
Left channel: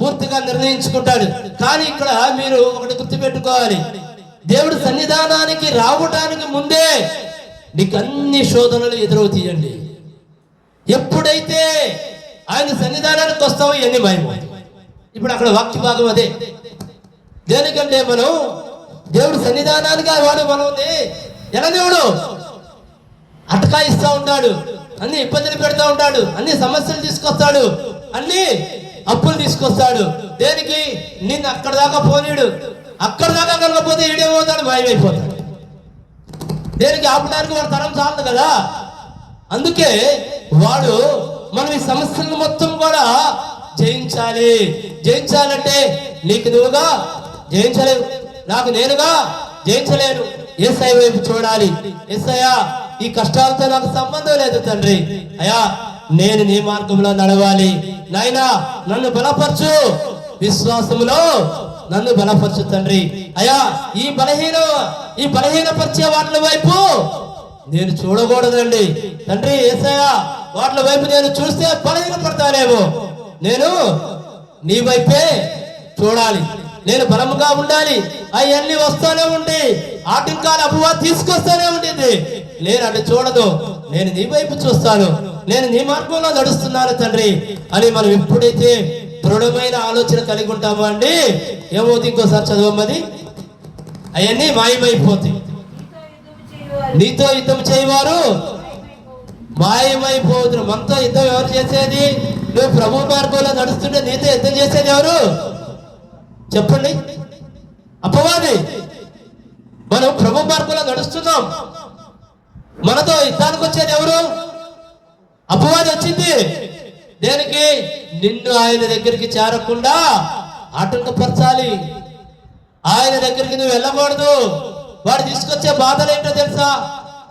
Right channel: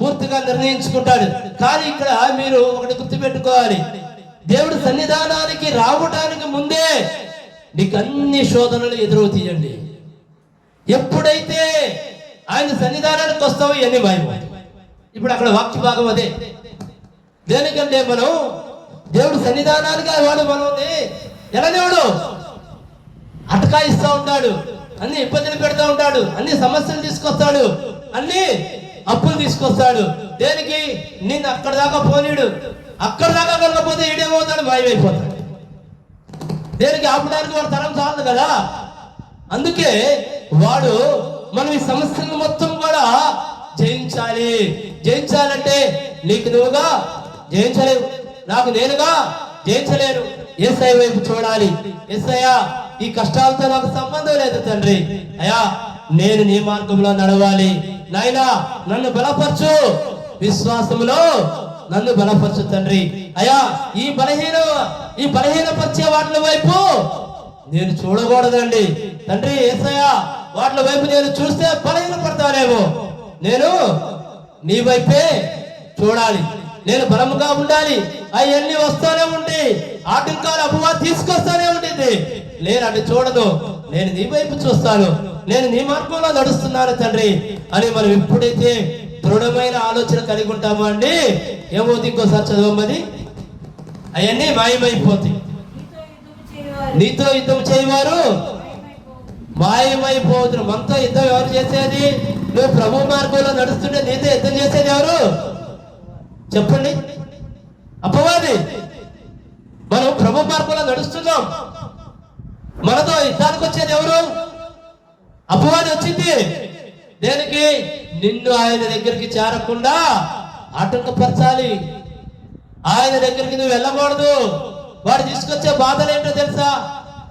పూర్తిగా నిర్ణయించుకుంటాడు. కానీ ఇక్కడ మీరు ఒకటి గుర్తుపెట్టుకోవాలి, దేవుడు సన్నిధానానికి రావడానికి ముందే నీకు అన్ని శోధనలు ఎదురవుతాయండి. ఎప్పుడైతే ఆయన సన్నిధానానికి వస్తావో ఇవన్నీ మాయమవుతాయి. ఇప్పుడు అక్కడ వాక్య భాగం అదే. దేనికంటే మనం దేవుడు సన్నిధానానికి వాడు మనల్ని ఎలా దేవుడు అటకాయిస్తూ ఉంటాడు, అన్ని ఇబ్బందులు పెడతా ఉంటాడు, అన్ని సమస్యలు తీసుకొస్తాడు, అన్ని అప్పులు తీసుకొస్తాడు. దేనికి? నిన్ను అక్కడ దాకా పోనీడు. అక్కడ దాకా కలగకపోతే ఏడేమవుతాడు? మాయమైపోతాడు. దేనికి? ఆపడానికి వాడు తరం చాలదు కదా. అందుకే వాడు మనం ఈ సమస్యలను మొత్తం కూడా జయించాలి. జయించాలంటే నీకు నువ్వుగా జయించలేవు, నాకు నేనుగా జయించలేను. యేసయ్య వైపు చూడాలి. యేసయ్యా, ఈ కష్టాలతో నాకు సంబంధం లేదు తండ్రి, అయ్యా నేను నీ మార్గంలో నడవాలి. నాయనా నన్ను బలపరచు, విశ్వాసములో నన్ను బలపరచు తండ్రి. అయ్యా ఈ బలహీనపరిచే వాటి వైపు నేను చూడకూడదండి తండ్రి. యేసయ్యా వాటి వైపు నేను చూస్తే బలహీనపడతానేమో, నేను నీ వైపే చూడాలి. నేను బలముగా ఉండాలి. అవన్నీ వస్తానే ఉండి ఆటంకాలు అపవాదం తీసుకొస్తానే ఉంటుంది. నేను అది చూడదు, నేను నీ వైపు చూస్తాను, నేను నీ మార్గంలో నడుస్తున్నాను తండ్రి అని మనం ఎప్పుడైతే దృఢమైన ఆలోచన కలిగి ఉంటామో అండి, ఏమవుతుంది? ఇంకోసారి చదవమది. అవన్నీ మాయమైపోతాయి. నీతో యుద్ధం చేయవారు మాయమైపోతున్నారు. మనతో యుద్ధం ఎవరు చేసేది? నువ్వు ప్రభు మార్గంలో నడుస్తుంటే నీతో యుద్ధం చేసేది ఎవరు చెప్పండి? అపవాది. మనం ప్రభు మార్గంలో నడుస్తున్నాం, మనతో యుద్ధానికి వచ్చేది ఎవరు? అపవాది వచ్చింది. దేనికి? నిన్ను ఆయన దగ్గరికి చేరకుండా ఆటంకపరచాలి. ఆయన దగ్గరికి నువ్వు వెళ్ళకూడదు. వాడు తీసుకొచ్చే బాధలు ఏంటో తెలుసా?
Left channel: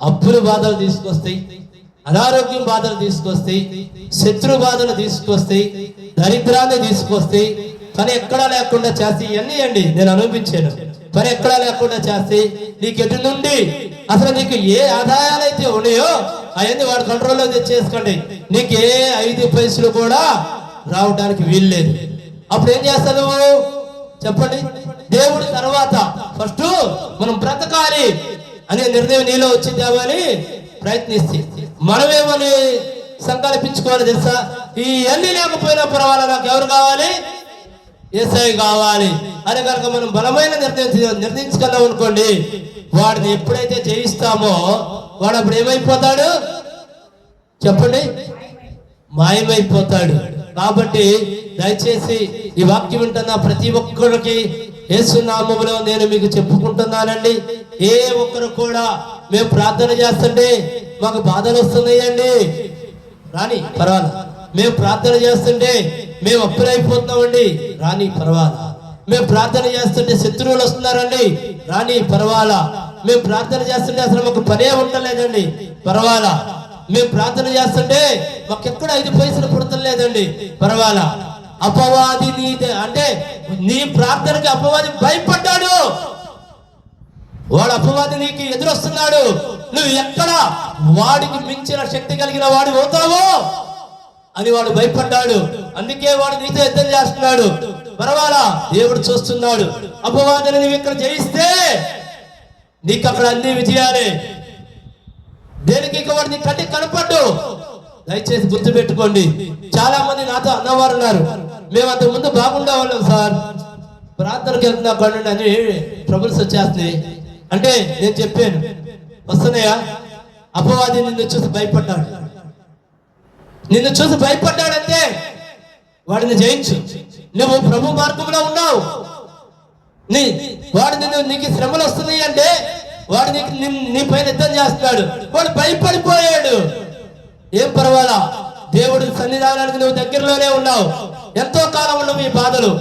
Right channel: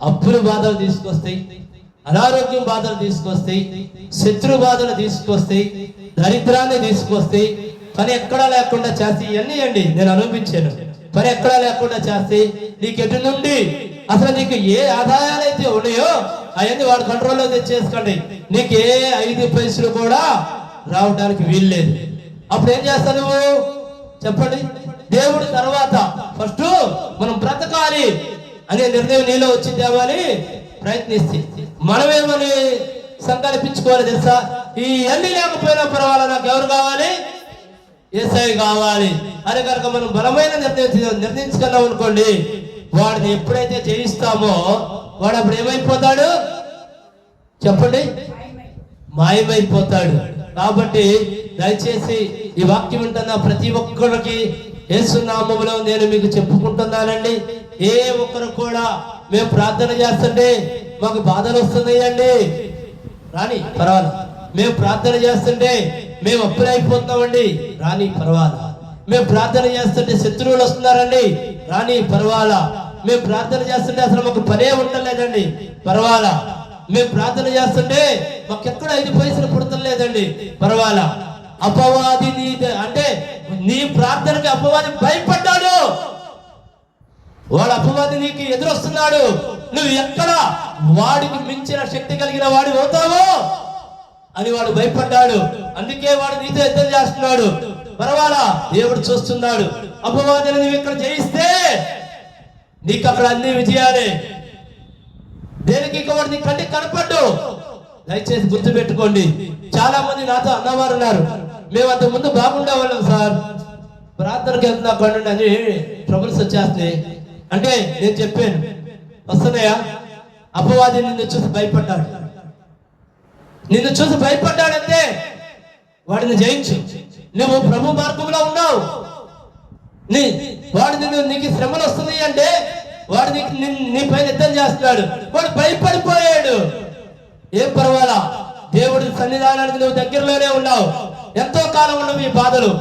అప్పులు బాధలు తీసుకొస్తాయి, అనారోగ్యం బాధలు తీసుకొస్తాయి, శత్రు బాధలు తీసుకొస్తాయి, దరిద్రాన్ని తీసుకొస్తాయి, పని ఎక్కడా లేకుండా చేస్తే ఇవన్నీ అండి నేను అనుభవించాను. పని ఎక్కడా లేకుండా చేస్తే నీకు ఎటు నుండి అసలు నీకు ఏ ఆదాయాలు అయితే ఉన్నాయో అవన్నీ వాడు కంట్రోల్లో తెచ్చేసుకోండి. నీకు ఏ 5 పైసలు కూడా రావడానికి వీల్లేదు. అప్పుడు ఏం చేస్తావు నువ్వు చెప్పండి? దేవుడి తర్వాత ఫస్ట్ మనం బ్రతకాలి అనే నిర్ణయం నీలో వచ్చిందేమో అని ప్రయత్నిస్తే మనమేమని సంకల్పించుకోవాలి తెలుసా? ఈ అన్ని లేకపోయినా పర్వాలేదు, నాకు ఎవరు కావాలి? యేసయ్య కావాలి అని కనుక మనం బలమైన నిర్ణయించగలం అనుకోండి, వాడిని ఎప్పుడైతే జయిస్తామో వాడు అప్పుడు ఏమైపోతాడు చెప్పండి? మాయమైపోతాడు. కాబట్టి దయచేసి ఈ వాక్యం వింటున్న ప్రతి ఒక్కరికి యేసు నామములో నేను మీకు చెప్పుకుంటున్నానండి, ఏ ఒక్కరు కూడా మేము ప్రార్థన చేస్తుంటే మాకు బాధలు వస్తున్నాయండి రాని పర్వాలా, మేము ప్రార్థన చేస్తుంటే మేము అప్పులైపోతున్నామండి రాని పర్వాలా, మేము ప్రార్థన చేస్తుంటే శత్రువులు వస్తున్నారండి రాని పర్వాలా, మేము ప్రార్థన చేస్తుంటే అసలు మాకు పనే ఉండలేదండి పర్వాలా, మేము ప్రార్థన చేస్తుంటే మాకు ఎక్కడ 5 పైసలు పుడతలేదండి పర్వాలా. అపవాది అంటే నీ ప్రార్థనకి అపవాది భయపడ్డాడు. వాడు అపవాది నీకు ఎదురొస్తున్నాడు. నువ్వు ఎక్కడ వాడికి మించిన శక్తి కలిగిన వాడి అవుతావో అని వాడు భయపడ్డాడు. అందుకే వాడు నీతో యుద్ధం చేస్తున్నాడు. పర్వాలా, దేవుడు చూస్తున్నాడు. అపవాదిని నువ్వు ఇక్కడ జయిస్తే నీకు అక్కడ అన్ని విజయాలే. దేనికి వాడు నీ కంటికి కనపడ్డు. దయచేసి గుర్తు పెట్టుకోండి. చాలా మంది నాతో అన్నవారు ఉన్నారు, మేము అంతకు ముందు బాగుండేవాళ్ళం సార్, ప్రార్థనకి వెళ్తున్నా కాండి అని ట్రబుల్స్ వచ్చేస్తున్నాయి అంటే నేను చెప్పాను, వస్తున్నాయా? అపవాది నిన్ను చూసి భయపడ్డాడు, నిన్ను చూసి భయపడ్డాడంటే వాడిని జయించు. నువ్వు ప్రభు మార్గంలో ఉన్నావు, వాడు నీకు శ్రమలు వస్తున్నాయి అంటే వాడు నీ పైన యుద్ధం చేస్తున్నాడు, వాడు భయపడిపోయాడు. ఏం పర్వాలా, దేవుడి సన్నిధానానికి నువ్వు దగ్గరలోనే ఉన్నావు. ఎంతో కాలం ఉండవు ఈ బాధలు,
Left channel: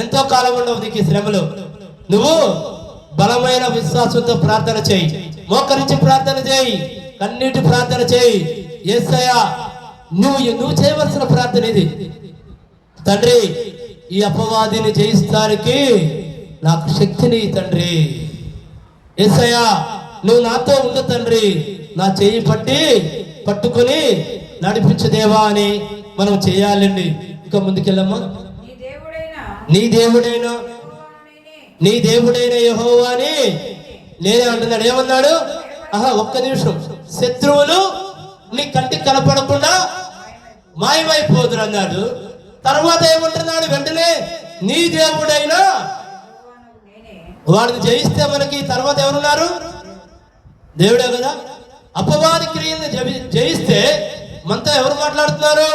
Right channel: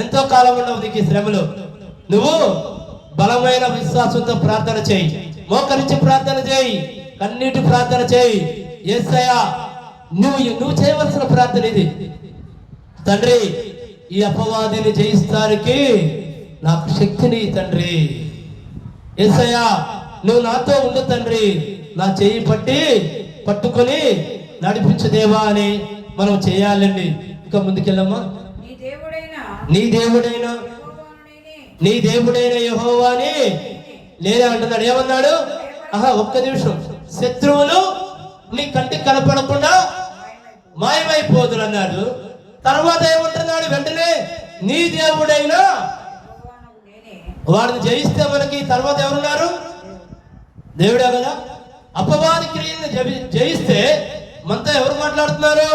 ఎంతో కాలం ఉండవు నీకు ఈ శ్రమలు. నువ్వు బలమైన విశ్వాసంతో ప్రార్థన చేయి, మోకరించి ప్రార్థన చేయి, కన్నీటి ప్రార్థన చేయి. యేసయ్యా నువ్వు చేయవలసిన ప్రార్థన ఇది. తండ్రి, ఈ అపవాదిని జయిస్తానికి నాకు శక్తిని తండ్రి. యేసయ్యా నువ్వు నాతో ఉండు తండ్రి, నా చేయి పట్టుకొని నడిపించు దేవా అని మనం చేయాలండి. ఇంకా ముందుకెళ్ళమ్మా. నీ దేవుడైన యెహోవాని నేనే అంటున్నాడు. ఏమన్నాడు? ఒక్క నిమిషం. శత్రువులు నీ కంటికి కనపడకుండా మాయమైపోదురు అన్నాడు. తర్వాత ఏమంటున్నాడు? వెంటనే నీ దేవుడైనా వాడిని జయిస్తే మనకి తర్వాత ఎవరున్నారు? దేవుడే కదా. అపవాది క్రియల్ని జయిస్తే మనతో ఎవరు మాట్లాడుతున్నారు?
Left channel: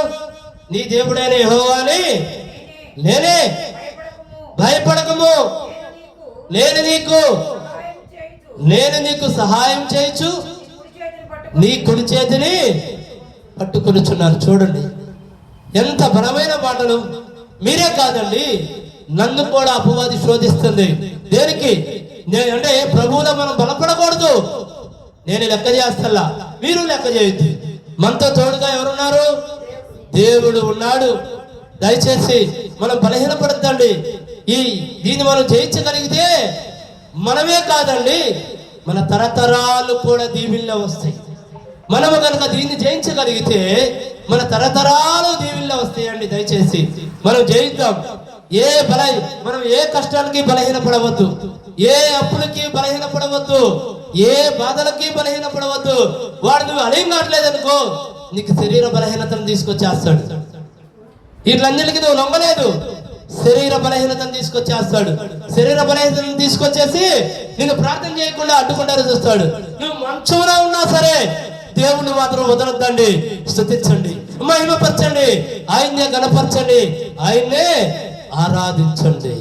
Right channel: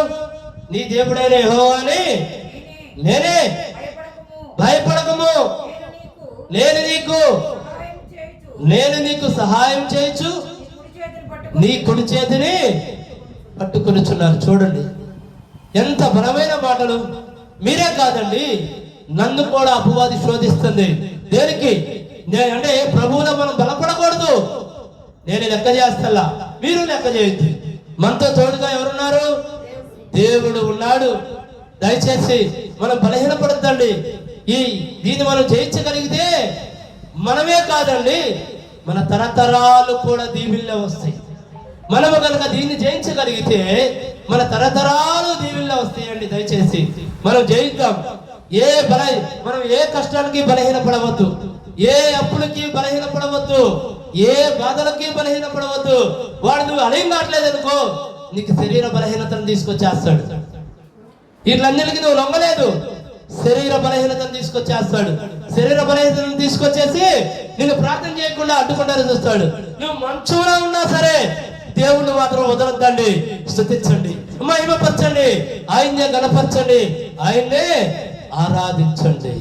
నీ దేవుడైన యెహోవాని నేనే, భయపడకము, నేను నీకు సహాయం చేయొచ్చు, నీ కుడి చేతిని పట్టుకొనిచున్నారు. చూడండి ఎంత బలమైన మాటలు. మీరే కాదండి, నన్ను కూడా అపవాది శోధిస్తుంది. దేనికి? అంటే ప్రభువులో మనం బలపడకూడదు. నేను లెక్క చేస్తలా, మీరు లెక్క చేయొద్దు. మనతో తోడుగా ఎవరున్నారు? దేవుడు ఉన్నాడు. దయచేసి మనం బలహీనపడద్దండి. దీన్ని మనం జయించగలిగితే మనమే కాదండి, మన తరతరాలు కూడా దీవెనలో వస్తాయి. మనము కనుక దీన్ని జయించగలిగితే మన తరతరాలు దీవెనలో వస్తాయండి. దయచేసి మనం జయిద్దాం. మనం ఏ కష్టాలకి బలహీనపడవద్దు, ఏ అప్పులకి బలహీనపడవద్దు, ఏ బాధలకి బలహీనపడవద్దు. వాడు నువ్వు అడిగి మాట్లేదనుకో నీకు శరీర బలహీనతను తీసుకొచ్చేస్తాడు. వీళ్ళందరికీ నువ్వు నమ్మలేదు, శరీర బలహీనతను తీసుకొచ్చేస్తాడు. శరీర బలహీనతను తీసుకొచ్చేసి నేను ప్రార్థన చేయకుండా అడ్డుకుంటారని చూస్తాడు. నువ్వు మంచంలో ఉన్నా సరే దేవుణ్ణి మాత్రం వదలొద్దండి. స్తుతించండి, మహిమపరచండి, ఆయన్నే గణపరచండి, ఆయన్నే ఆరాధించండి.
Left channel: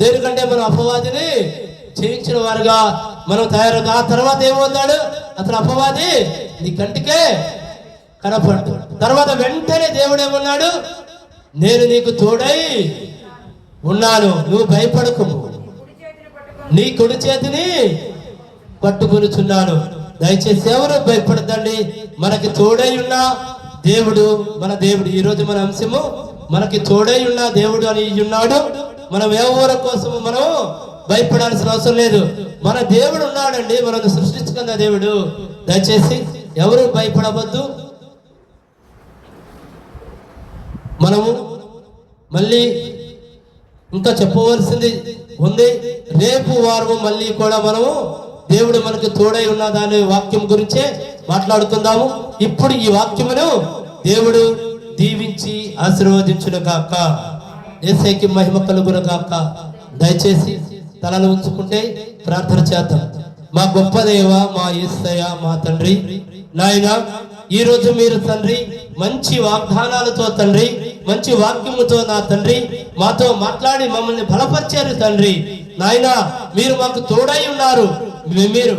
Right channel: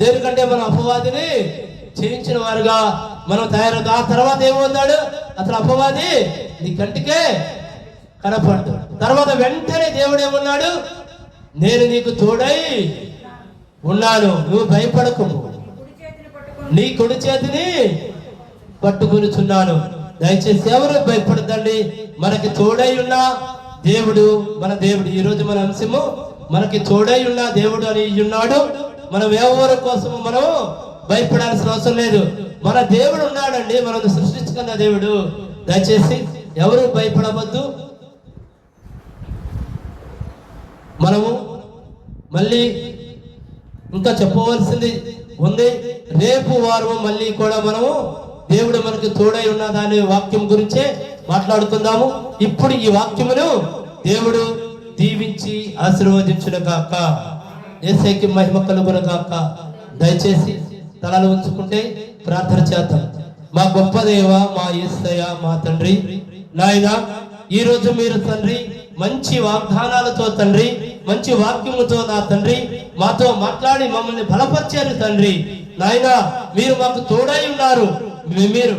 దేనికంటే మన అపవాదిని చేయించిన వారుగా మనం తయారవుతాం. ఆ తర్వాత ఏమవుతాడు? అతను అపవాది నీ కంటికే కనపడ్డు. తర్వాత వెంటనే దేవుడు ఏమన్నాడు? నేను నీకు తోడై ఉన్నాను, నువ్వు భయపడకు, నీ కుడి చేతిని పట్టుకొనిచున్నాను. దయచేసి ఎవరు భయపడదండి. మనకి తోడై ఉన్న దేవుడు, మన దేవుడు. ఈరోజు మన అంశము మనకి తోడై ఉన్న దేవుడు అని ఉన్నాడు. మనం ఎవరి కోసం మనం భయపడాల్సిన అవసరం లేదు. మన దేవుడు ఉన్నాడండి, మనం సృష్టించుకున్న దేవుడు. దయచేసి ఎవరు భయపడవద్దు. మనము మళ్ళీ ఇంకా చెప్పవలసింది ఉంది. రేపు వారము మళ్ళీ కూడా మనము దేవుడు మనకు తోడై ఉన్న దాని వాక్యం గురించే మాట్లాడుతుందాము. ఇప్పుడు ఈ వాక్యమును దేవుడు దీవించి ఆశీర్వదించును గాక. యేసయ్యకి మహిమ కలుగును గాక. దయచేసి తలలు ఉంచుకుంటే ప్రార్థన చేద్దాం. మా గొప్ప దేవ, మా యేసయ్య, మా తండ్రి, నాయన ఈ రోజు మీరు తండ్రి మంచి వాగ్దానాలతో తండ్రి, మంచి వాక్యములతో నా తండ్రి మాతో మాట్లాడి మమ్మల్ని బలపరిచారు తండ్రి. నాయన మీరు మాకు తోడై ఉన్నారు, మీరు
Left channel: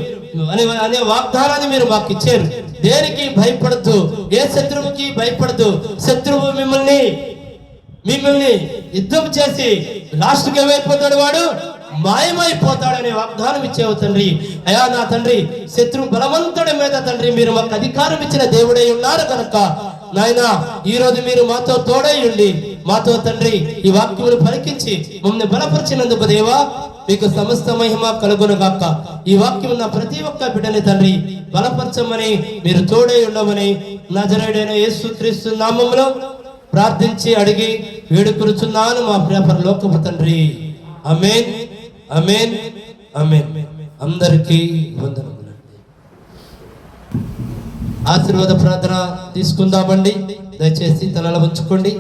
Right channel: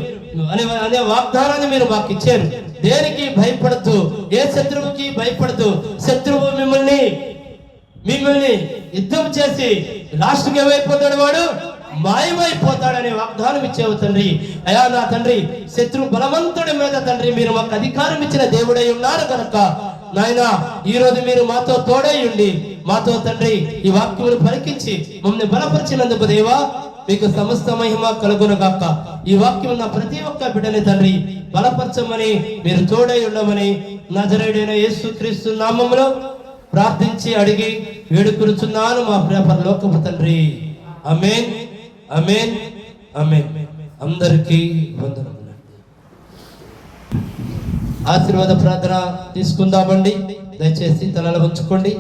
అనే వాగ్దానాన్ని మీరు మాకు ఇచ్చారు. దేనికి భయపడద్దు, ఏ శత్రువుకి భయపడద్దు. శత్రువు మిమ్మల్ని యుద్ధం చేసి లాస్ట్కి ఏమైపోతాడు? వాడు మాయమైపోతాడనే వాగ్దానం ఇచ్చావు తండ్రి. అయా నా తండ్రి, శత్రు బలవంతుడి మీద తండ్రి మీరు మాకు అధికారం ఇచ్చిన దేవుడై ఉన్నారు కనుక నాయన ఈ రోజు మీరు మాతో తోడై ఉండి మాతో తండ్రి ఈ వాక్యములు పలికించి మమ్మల్ని బలపరిచినందుకు దేవా మీకు సమస్త మహిమ కలుగును గాక. ఈ వాక్యం నా ప్రతి ఒక్క బిడ్డని తండ్రి బలపరచమని, మీరు తోడై ఉండమని నజరేయుడైన యేసుక్రీస్తు నామములో ప్రార్థించి అడిగి వేడుకొనుచున్నాను మా ప్రియ పరలోకపు తండ్రి. ఆమేన్, ఆమేన్, ఆమేన్. అందరికీ వందనములు. ఆశీర్వాద ప్రార్థన తీసుకుందామండి. దయచేసి తలలు ఉంచుకోండి.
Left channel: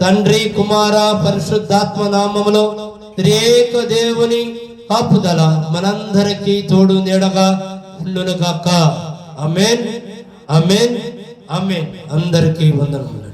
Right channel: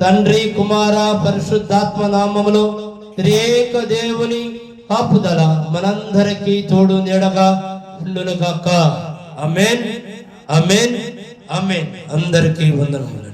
తండ్రి కుమార పరిశుద్ధాత్మ నామములో త్రియేక దేవుని కాపుదల మనందరికీ తోడు నీడగా ఉండును గాక. ఆమేన్, ఆమేన్, ఆమేన్. అందరికీ వందనములు.